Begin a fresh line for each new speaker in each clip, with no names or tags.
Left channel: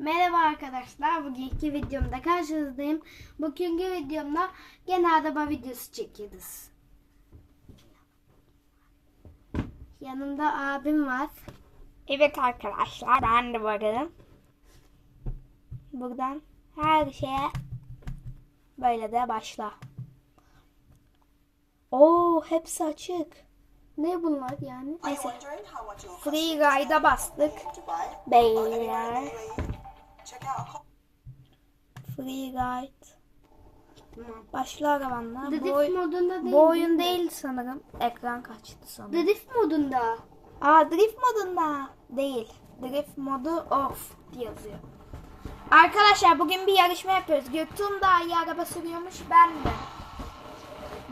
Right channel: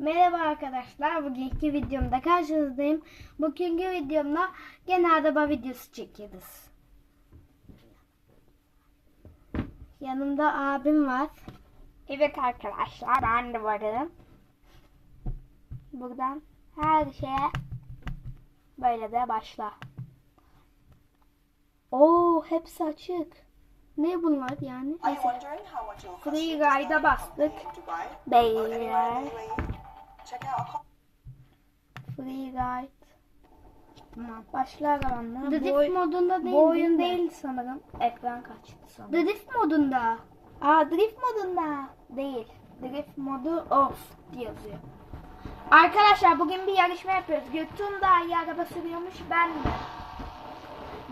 Merhaba arkadaşlar. Bugünkü videomda karşınızdayım. Bugünkü videomda gene araba videosu çekiyoruz. Yanımda abim var.
Evet arkadaşlar ben de varım. Buradan her şeye böyle de başla. Oo hepsi açık.
Ne bunlar yani?
Neyse.
Free
Ride'a bastık.
Beyler.
Free Ride.
Tamam.
Başla arabanla.
Drift
Bu, oy-
modunda değil.
bu oyun
mi?
değil sanırım. Ekran kaçtı sonra.
Drift modunda.
Aa drift modunda değil. Drift modu off diye yazıyor. Arkadaşlar bugün bir yarışma yapıyoruz. Göktuğum daha iyi araba sürüyormuş ben de.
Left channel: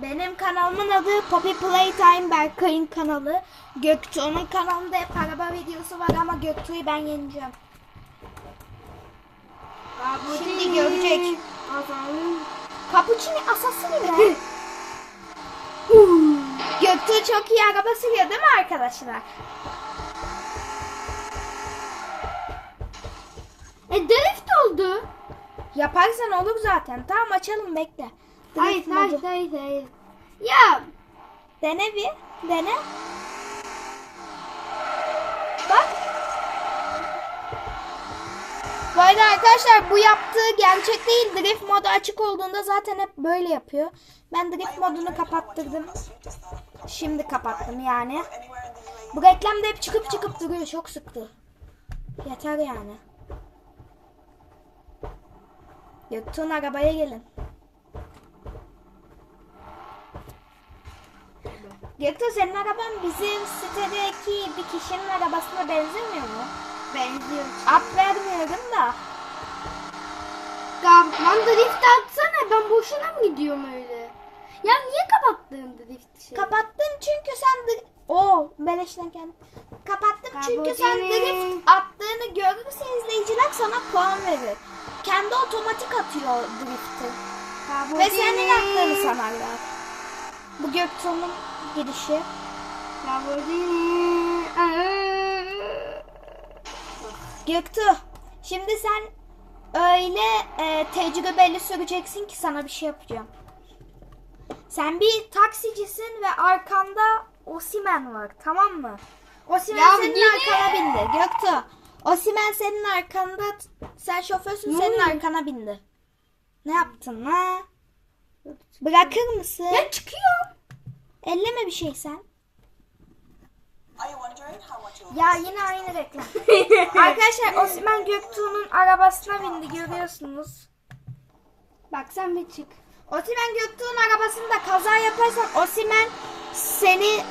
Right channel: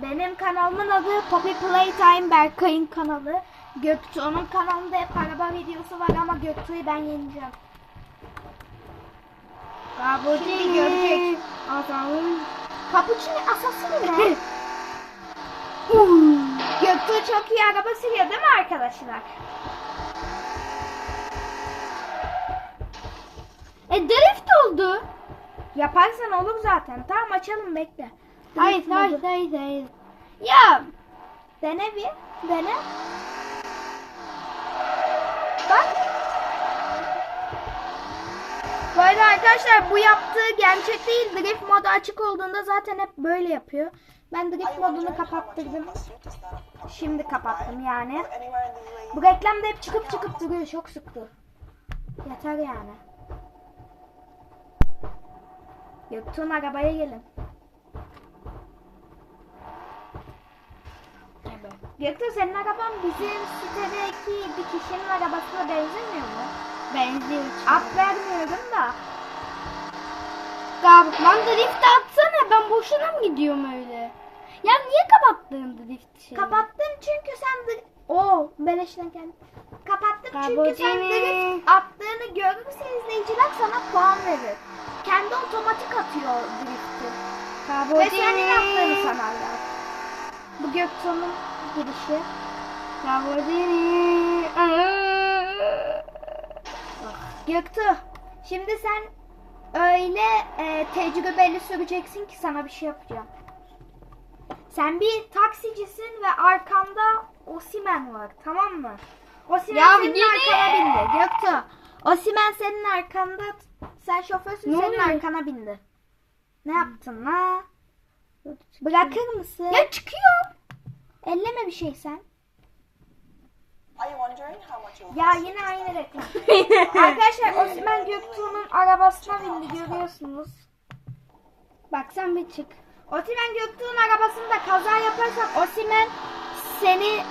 Benim kanalımın adı Poppy Playtime Berkay'ın kanalı. Göktuğ'un kanalında hep araba videosu var ama Göktuğ'u ben yeneceğim. Şimdi görecek.
Adamın.
Cappuccino asası ne? Göktuğ çok iyi araba sürüyor değil mi arkadaşlar?
E drift oldu.
Yaparsan olur zaten. Tamam açalım bekle.
Hayır hayır hayır hayır. Ya
Dene bir. Dene. Bu arada arkadaşlar bu yaptığı gerçek değil. Drift modu açık olduğunda zaten hep böyle yapıyor. Ben drift modunu kapattırdım. Şimdi kapattım yani. Bu reklamda hep çıkıp çıkıp duruyor. Çok sıktı. Yeter yani. Göktuğ'un arabaya gelin. Göktuğ senin araban bizim sitedeki bir kişinin arabasına benzemiyor mu?
Benziyor.
Up vermiyorum da.
Ya lan drift atsana ben boşuna mı gidiyorum öyle? Ya niye kapattın drift şeyi?
Kapattın çünkü sen Oo beleşten geldi. Kapattım çünkü sen drift attığını görürse izleyiciler sana puan verir. Kendi otomatik atıyor drifti.
Kabul
Ve senin attığını sanarlar. Bu Göktuğ'un girişi.
Kabul değil.
Göktuğ, şimdi sen öyle e, tecrübeli süreceksin ki sana bir şey yapacağım. Sen bir taksicisin ve arkanda Osimen var tamam mı? Osimen
Ya
senin
yine-
arkana bindi. Göktuğ, Osimen senin arkanda, sen şoförsün senin
oluyor?
arkana bindi. Ne yaptın ha? Bırakır mısın?
Ya çıkıyor.
Elleme bir şey sen. Ya yine aynı reklam. Arkadaşlar Osman Göktuğ'un arabasına bindi görüyorsunuz.
Bak sen bir çık.
Osimen Göktuğ'un arabasında kaza yaparsan Osimen seni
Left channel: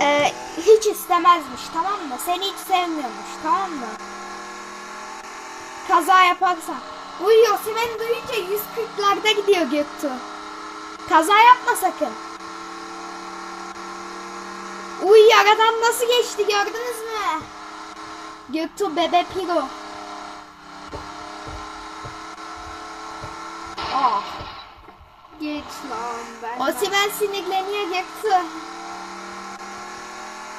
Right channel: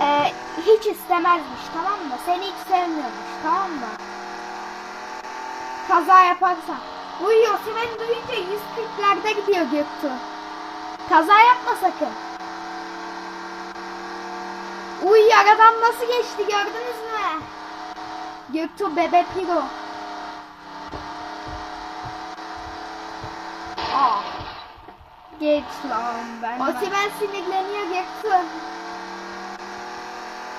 e, hiç istemezmiş tamam mı? Seni hiç sevmiyormuş tamam mı? Kaza yaparsan. Uy Osimen duyunca 140'larda gidiyor Göktuğ. Kaza yapma sakın. Uy aradan nasıl geçti gördünüz mü? Göktuğ bebe piro. Aa.
Geç lan ben.
Osimen sinirleniyor Göktuğ.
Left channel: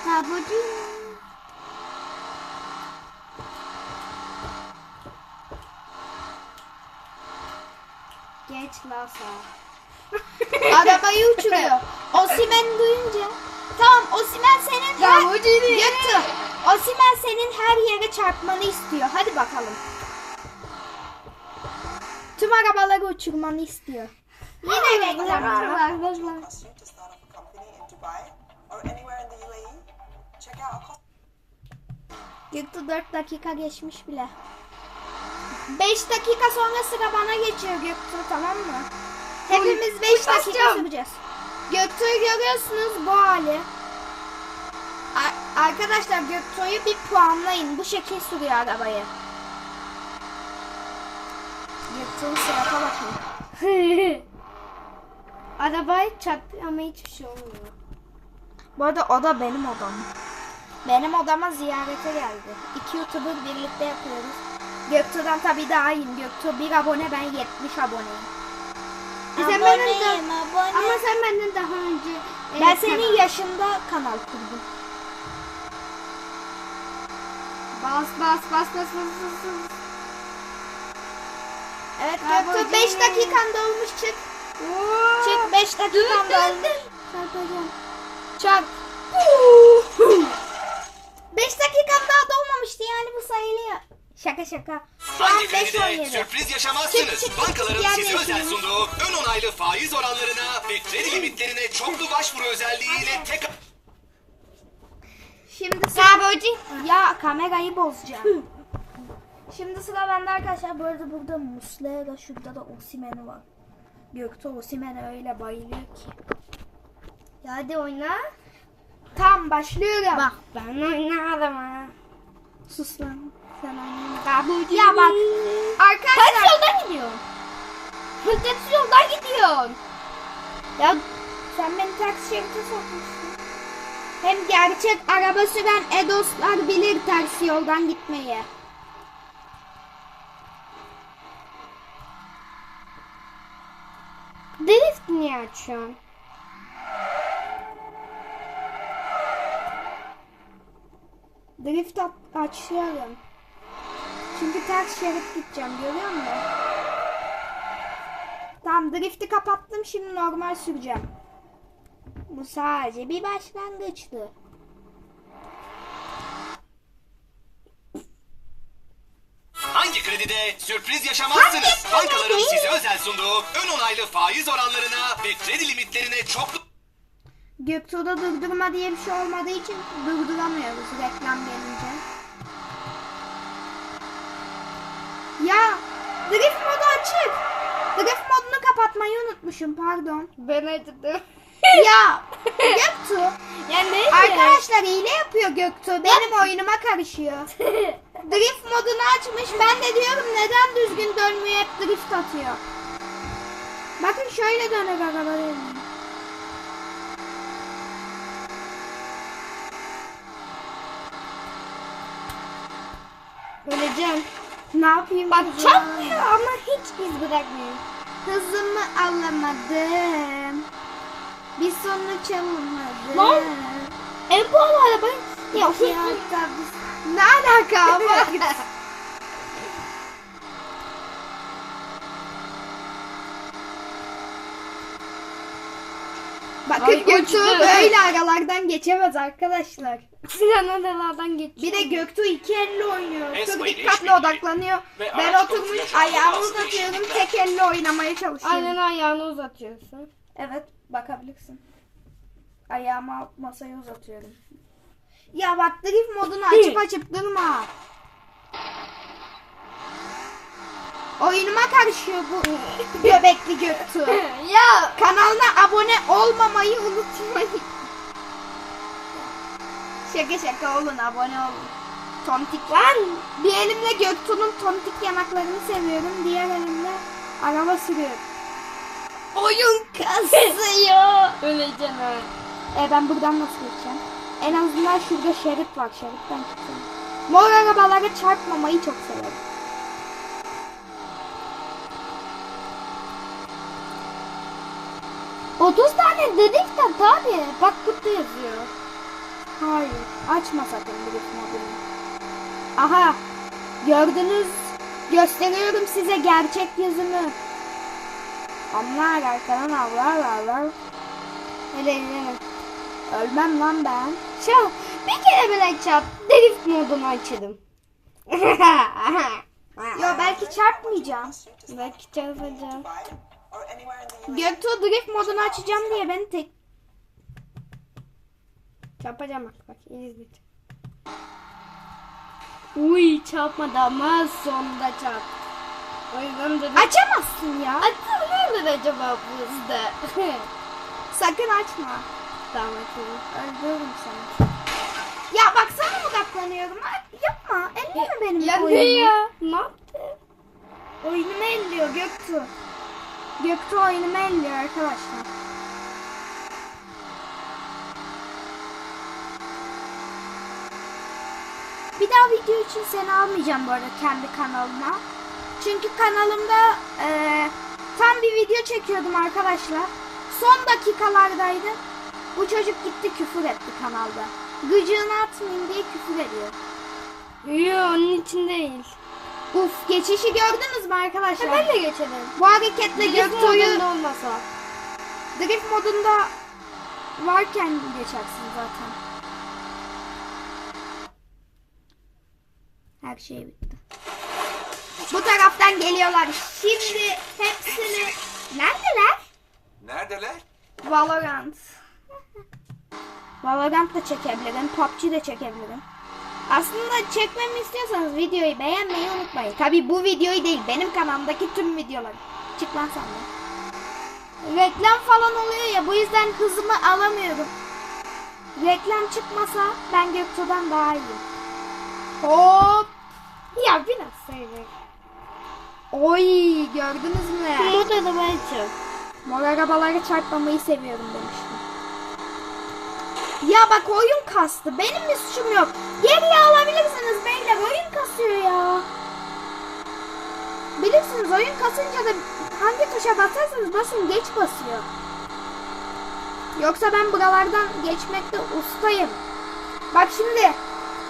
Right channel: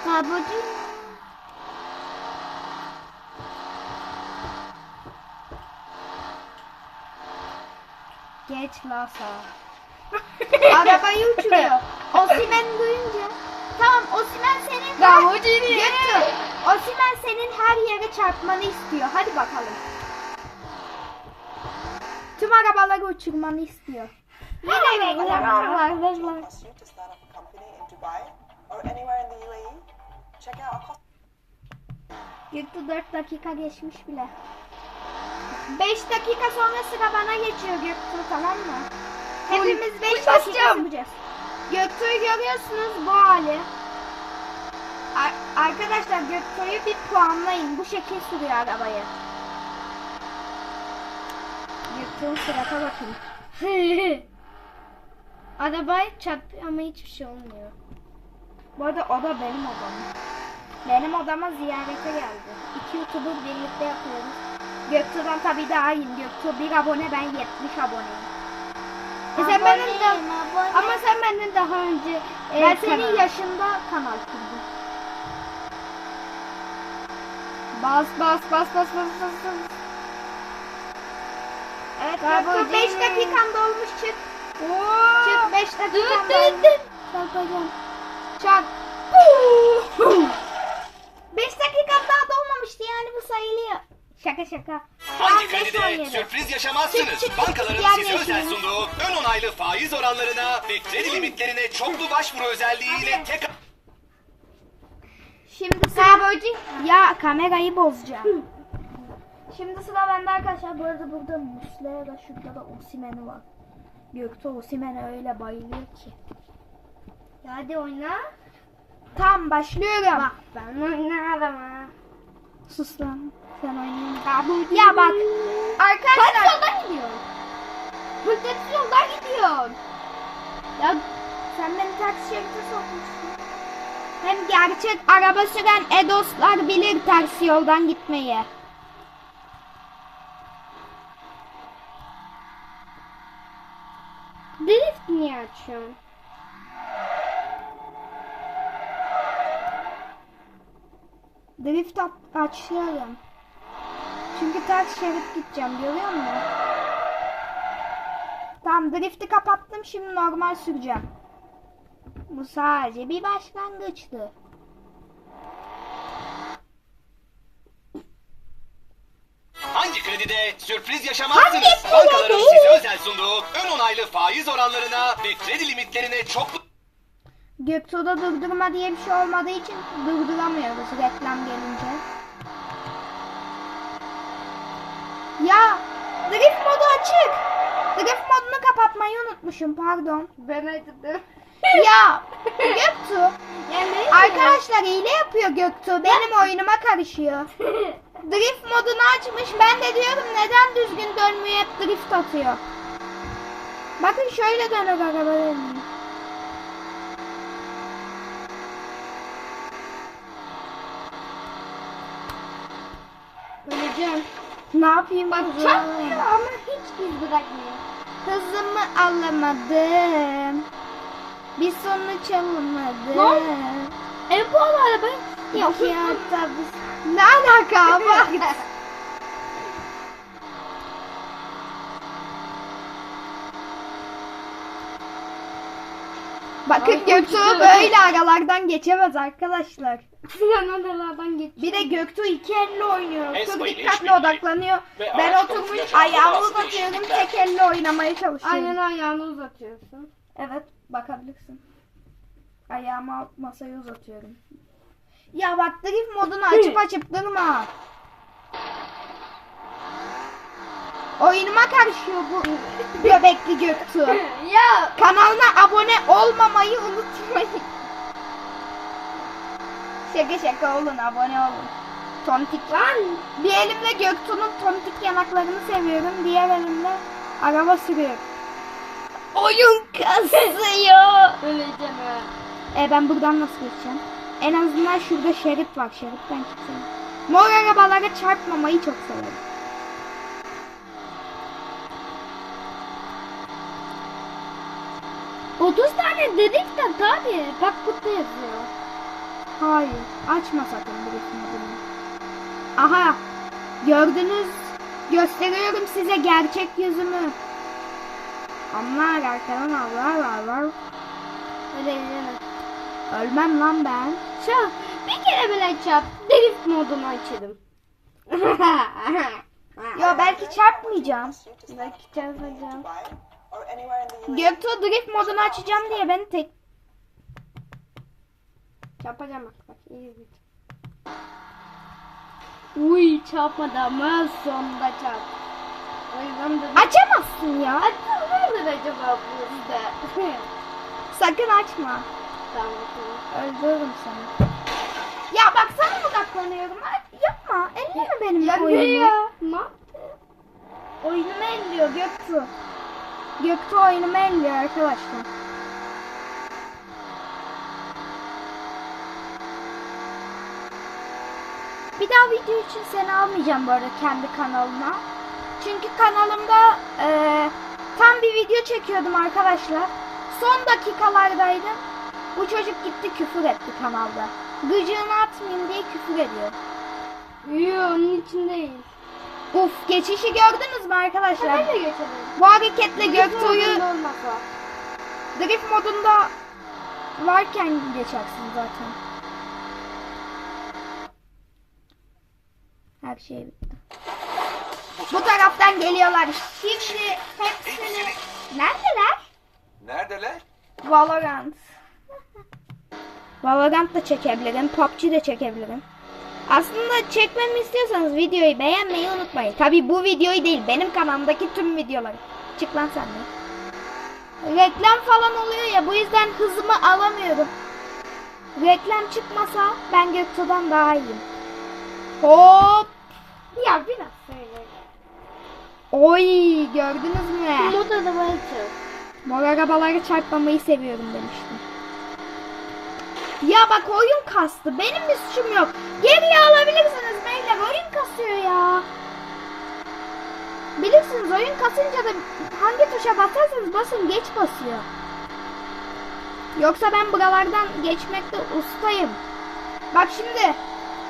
Kabul değil. Geç lan sağa.
Arabayı uçuruyor. Osimen duyunca. Tamam Osimen senin her...
Kabul değil.
Göktuğ. Osimen senin her yere çarpmanı istiyor. Hadi bakalım. Tüm arabaları uçurmanı istiyor. Yine reklam. Göktuğ 4 dakika geçmiş bile. 5 dakika sonra sıra bana geçiyor Göktuğ tamam mı? Hepimiz 5 dakika süreceğiz. Göktuğ'u görüyorsunuz bu hali. Ar- arkadaşlar Göktuğ'u bir puanlayın. Bu şekil sürüyor arabayı. Göktuğ'un sırata bakın.
Arabayı çarpıyor ama hiçbir şey olmuyor.
Bu arada o da benim odam. Benim odama ziyarete geldi. İki YouTuber birlikte yapıyoruz. Göktuğ'dan tabii daha iyiyim. Göktuğ bir abone ben 70 aboneyim.
Sen benden de-. Ama sen benden daha önce e,
ben senin yaşında kanal kurdum.
bas bas bas bas bas bas. bas.
Evet Göktuğ 5
Cem.
dakikan dolmuş çık. Çık 5
Dur
dakikan dolmuş.
Çarpacağım.
Çak. 5 dakikan daha dolmamıştı yani bu sayılıyor. Şaka şaka.
Hangi
5
kredide
17.
sürpriz yaşamazsınız?
Çık, çık,
Bankaların size özel sunduğu ön onaylı faiz oranlarına ve kredi limitlerine çoklu başvuru özelliğiyle tek
Şimdi sıra Ya kamerayı bozacağım. Şimdi sıra bende arkadaşlar. Bu arada burada Muslera şurada da Osimhen var. Göktuğ Osimhen'e öyle bayılıyor ki.
Ya Hadi oyna.
Tamam başlıyorum.
Bak ben oynarım ha.
Sus lan. Sen oynayın. Ya bak. Arkadaşlar.
Ters yoldan gidiyorsun. Ters yoldan gidiyorsun.
Ya sen beni ters şerite sokmuşsun. Hem gerçek araba süren Edoslar bilir ters yoldan gitmeyi.
Drift niye açıyorsun?
Drift açıyorum. Çünkü ters şerit gideceğim görüyor musun? Tamam drifti kapattım şimdi normal süreceğim. Bu sadece bir başlangıçtı.
hangi kredide sürpriz yaşamazsınız?
Hangi
Bankaların size özel sunduğu ön onaylı faiz oranlarına ve kredi limitlerine çoklu
Göktuğ'da durdurma diye bir şey olmadığı için durduramıyoruz reklam gelince. Ya drift modu açık. Drift modunu kapatmayı unutmuşum pardon.
Ben açtım.
ya Göktuğ
Yani neyse.
arkadaşlar hile yapıyor Göktuğ benim oyunuma karışıyor. drift modunu açmış ben de diyorum neden düzgün dönmüyor hep drift atıyor. Bakın şöyle döner araba dönüyor.
Öleceğim.
Ne yapayım
Bak
kızım?
ama hiç iz bırakmıyor.
Hızımı alamadım. Bir sonuç alamadım.
Lan! E bu araba ya
Ya. Ne alaka bak. Bakın Göktuğ böyle aralardan geçemez arkadaşlar.
Sinan adalardan geçiyor.
Bir de Göktuğ iki elle oynuyor. Çok dikkatli odaklanıyor. Ben oturmuş ayağımı uzatıyorum. Tek elle oynamaya çalışıyorum.
Aynen ayağını uzatıyorsun.
Evet bakabilirsin. Ayağımı masaya uzatıyorum. Ya bak drift modunu açıp açıp durma. Oyunuma karışıyor bu göbekli Göktuğ.
ya
Kanalına abone olmamayı unutmayın. Şaka şaka olun abone olun. Tontik var. Bir elimle Göktuğ'un tontik yanaklarını seviyorum. Diğer elimle araba sürüyorum. Oyun kasıyor.
öleceğim ha.
E ben buradan nasıl geçeceğim? En azından şurada şerit var. Şeritten çıksam. Mor arabalara çarpmamayı çok severim.
Tane drift at abi. Bak burada yazıyor.
Hayır. Açma sakın drift modunu. Aha. Gördünüz. Gösteriyorum size gerçek yüzümü. Onlar arkadan avlar avlar.
Öleceğim.
Ölmem lan ben.
Çap. Bir kere bile çap. Drift modunu açalım.
Ya belki çarpmayacağım.
Belki çarpacağım.
Göktuğ drift modunu açacağım diye beni tek...
Çarpacağım bak bak. iyi izle. Uy çarpmadı ama sonunda çarp.
Açamazsın ya.
Mi acaba bizde?
Sakın açma.
tamam açalım.
Öldürürüm seni. Ya bak sana odaklanıyorum. Ha, Yapma. Elleme benim
Ya ne
oyunumu.
ya? Ne yaptı?
Oyunumu elliyor Göktuğ. Göktuğ oyunumu elliyor arkadaşlar. Bir daha video için seni almayacağım bu arada kendi kanalıma. Çünkü kanalımda eee, tam bir video çekiyordum arkadaşlar. Son dakikalardaydım. Bu çocuk gitti küfür etti kanalda. Gıcığını atmayayım diye küfür ediyor.
Yok onun için değil.
Uf geçişi gördünüz mü arkadaşlar?
Ben de geçelim.
Bu hareketle Göktuğ'u
olmasa.
drift modunda varken geçersin zaten. Her şey bitti. Bu taraftan geliyorlar. Şimdi hepsini... Neredeler?
Neredeler?
Valorant. Valorant da çekebilirim. PUBG de çekebilirim. Aslında çekmemi istiyorsanız videoyu beğenmeyi unutmayın. Tabi bu videoyu değil benim kanalımdaki tüm videoları. Çık lan sen de. Reklam falan oluyor ya bu yüzden hızımı alamıyorum. Reklam çıkmasa ben Göktuğ'dan daha iyiyim. Hop.
Ya biraz söyle.
Oy gördünüz mü?
Umut adamı çok.
Mor arabaları çarpmamayı seviyorum demiştim. Ya bak oyun kastı. Benim bir suçum yok. Geriye alabilirsiniz beyler. Oyun kasıyor ya. Bilirsiniz oyun kasınca da hangi tuşa basarsanız basın geç basıyor. Yoksa ben buralardan geçmekte ustayım. Bak şimdi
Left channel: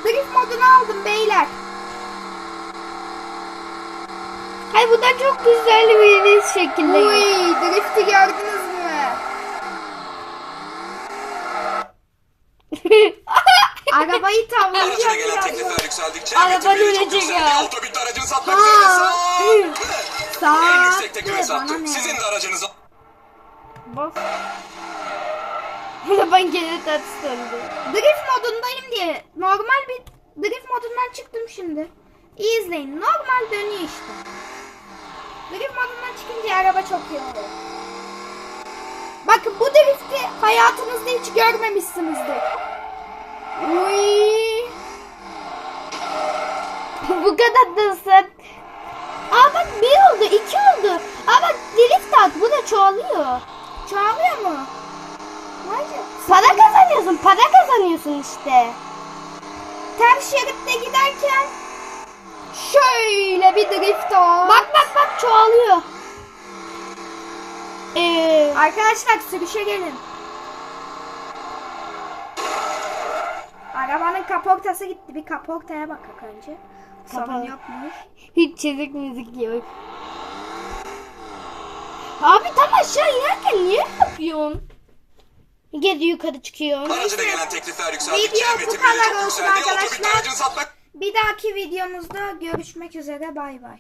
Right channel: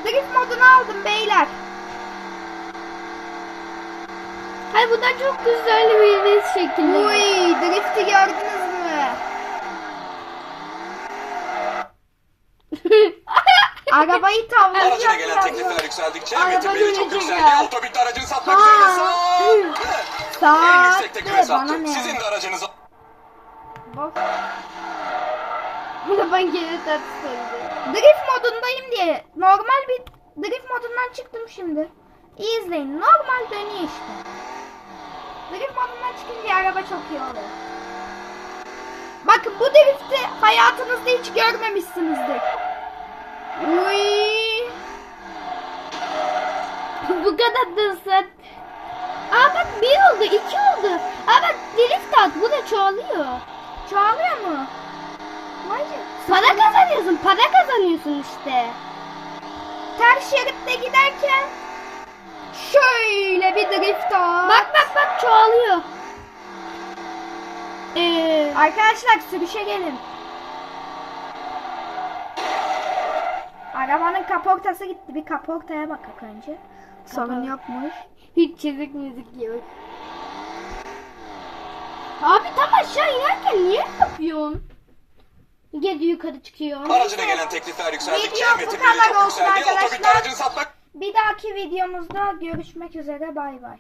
drift modunu aldım beyler.
Hayır bu da çok güzel bir şekilde.
Uy drifti gördünüz mü? Arabayı
Aracına gelen
birazdan.
teklifler yükseldikçe
Araba
üretimleri çok
dönecek
yükseldi.
ya.
Otobüs aracını satmak
Ha.
üzere sağ. En
Sağ
yüksek teklife
bana
sattım.
ne?
Sizin de aracınızı
Bas.
ben gene tatlı
Drift modundayım diye normal bir drift modundan çıktım şimdi. İyi izleyin. Normal dönüyor işte. Drift modundan çıkınca araba çok iyi oluyor. Bakın bu drifti hayatınızda hiç görmemişsinizdir.
Bu kadar da sen.
Aa bak bir oldu, iki oldu. Aa bak drift at, bu da çoğalıyor. Çoğalıyor mu? Nerede?
Para kazanıyorsun. Para kazanıyorsun işte.
Ters şeritte giderken şöyle bir drift at.
Bak bak bak çoğalıyor. Ee,
Arkadaşlar sürüşe gelin. Arabanın kaportası gitti. Bir kaportaya bakak önce. Sorun
Kapalı.
yokmuş.
hiç çizik müzik yok.
Abi tam aşağı inerken niye yapıyorsun?
Gezi yukarı çıkıyor.
Aracına gelen teklifler yükseldikçe
Video bu kadar olsun.
Otobüs
arkadaşlar.
aracını satmak
Bir dahaki videomuzda görüşmek üzere. Bay bay.